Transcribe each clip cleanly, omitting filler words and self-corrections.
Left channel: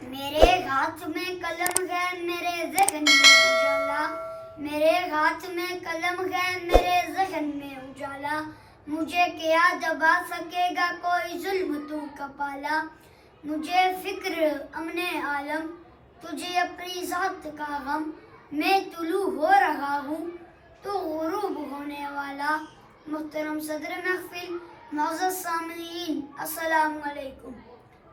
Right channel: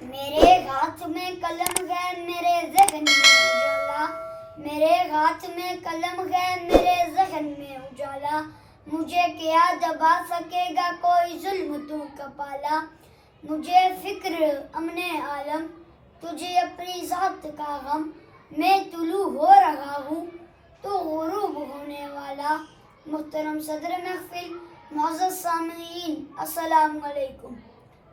میرے ہاتھ میں قلم ہے میرے ذہن میں اجالا، میرے ہاتھ میں قلم ہے میرے ذہن میں اجالا، مجھے کیا دبا سکے گا کوئی ظلم تو کا پالا، مجھے فکر امن عالم تجھے اپنی ذات کا غم، میں طلوع ہو رہا ہوں تو غروب ہونے والا۔ محترم صدر محفل، معزز سامعین، السلام علیکم۔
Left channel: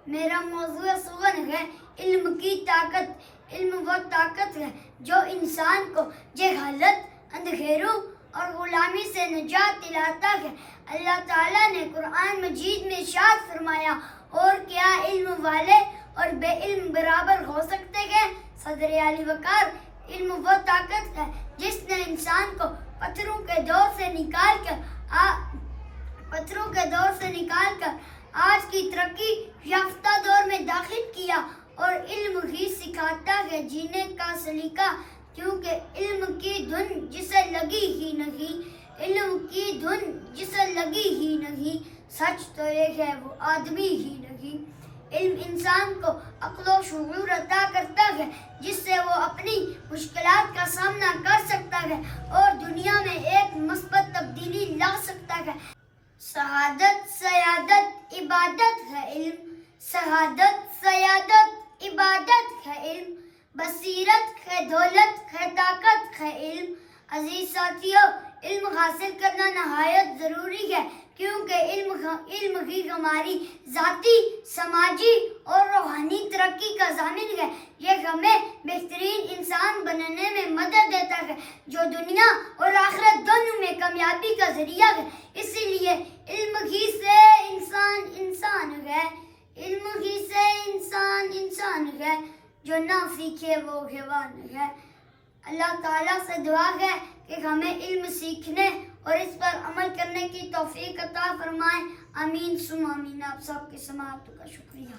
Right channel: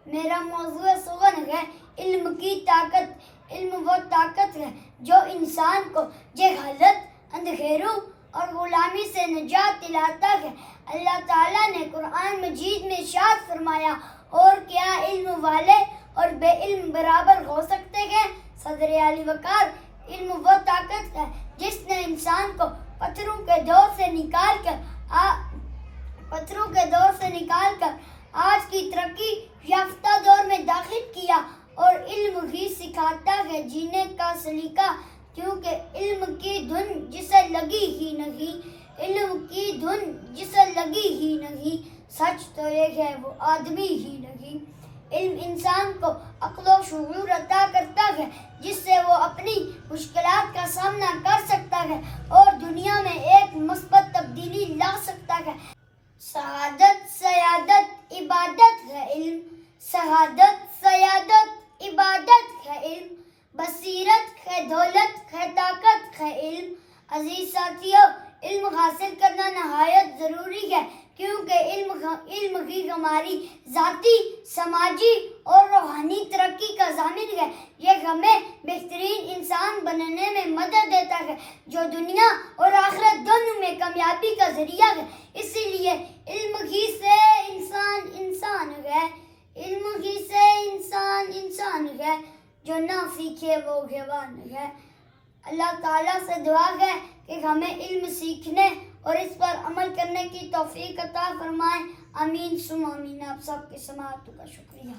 میرا موضوع سخن ہے علم کی طاقت۔ علم وہ طاقت ہے جو انسان کو جہالت، اندھیروں اور غلامی سے نجات دلاتا ہے۔ اللہ تعالیٰ نے قرآن مجید میں ارشاد فرمایا، اور کیا علم والے اور بے علم برابر ہو سکتے ہیں؟ صدر علی وقار، علم وہ طاقت ہے جس نے انسان کو پتھروں کے دور سے نکال کر آج کی ترقی یافتہ دور میں داخل کیا، اور علم ہی سکھاتا ہے جینے کا سلیقہ، کیونکہ علم کی دھن جسے لگی ہی نہیں، سچ تو یہ ہے وہ آدمی ہی نہیں۔ علم انسان کو عقل و شعور عطا کرتا ہے جس سے وہ اپنی مشکلات کا سامنا کر سکتا ہے اور دنیا میں ایک مثبت تبدیلی لا سکتا ہے۔ سعادت، سیادت، عبادت ہے علم، سعادت، سیادت، عبادت ہے علم، بصیرت ہے دولت ہے طاقت ہے علم۔ عزیز ساتھیو، علم حاصل کرنا نہایت ضروری ہے، کیونکہ علم ہی ہماری ذاتی، سماجی اور روحانی ترقی کا ضامن ہے۔ یہ ہمیں بہترین انسان بننے میں مدد دیتا ہے جو دنیا اور آخرت دونوں میں کامیابی کا ذریعہ ہے۔ اسی لیے علم ہی سے انسان انسان ہے، علم ہی سے انسان انسان ہے، جو نہ سیکھے وہ حیوان ہے۔ اللہ تعالیٰ سے دعا ہے کہ ہمیں علم سیکھنے اور اس پر عمل کرنے کی توفیق عطا فرمائے۔ آمین ثم آمین۔ آپ سب کی سماعت کا شکریہ۔